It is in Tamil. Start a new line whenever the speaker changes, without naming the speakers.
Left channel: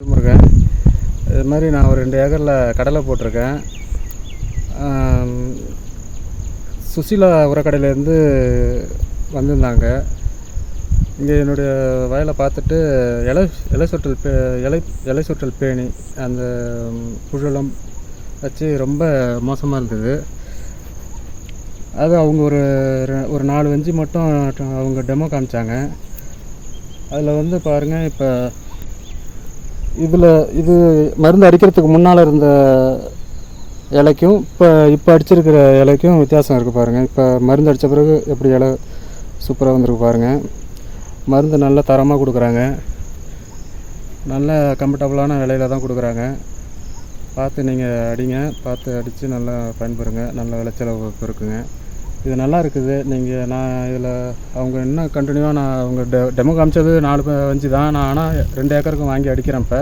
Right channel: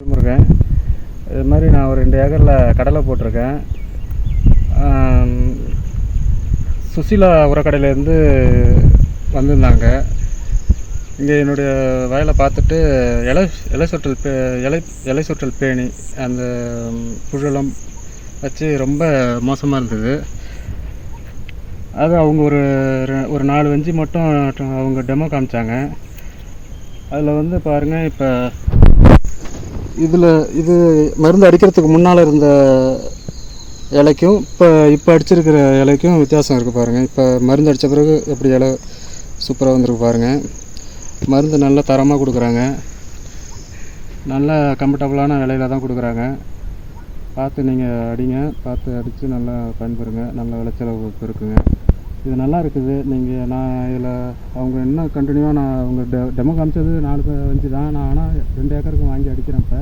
இருக்கேன் இது மாதிரி நான் ஒரு ரெண்டு ஏக்கரில் கடலை போட்டிருக்கேன். சுசிலா உரக்கடையிலேருந்து வந்திருந்தாங்க. இங்கே என்னுடைய வயலை பார்த்துட்டு இலை இலை சொட்டல் பே இலை இலை சொட்டல் பேணி அந்த புழலம் புழுலாம் வச்சு ரொம்ப மோசமாக இருந்தது. அது அவங்க ஒரு ரெ- ஒரு நாலு வஞ்சி மட்டும் அவங்க டெமோ காமிச்சாங்க. அதில் வந்து பாருங்கள் இப்போ இதில் இது மருந்து அடிக்கிறதுக்கு முன்னால் இருந்த இலைக்கும் இப்போ இப்போ அடிச்சிருக்கிற இலைக்கும் வித்தியாசம் இருக்குது பாருங்கள் இப்போ மருந்து அடித்த பிறகு எப்படி இலை சூப்பராக வந்திருக்கு பாருங்கள் மருந்து நல்ல தரமாக கொடுக்குறாங்க. நல்ல கம்ஃபர்டபுளான விலையில தான் கொடுக்குறாங்க. பார்த்து நீங்கள் அடிங்க. பார்த்து அடித்து நல்லா பயன்பெறுங்க. நல்ல விளைச்சலை இருக்குங்க. இது நல்லா இருக்குது. நீங்கள் நான் இதில் அவங்க இன்னும் கண்டினியூவாக நான் அவங்க டெ டெமோ காமிச்சது நாலு அஞ்சு தான். நான் ஆனால் ரெண்டு ஏக்கருக்கு வாங்கி அடிக்கிறேன் இப்போ.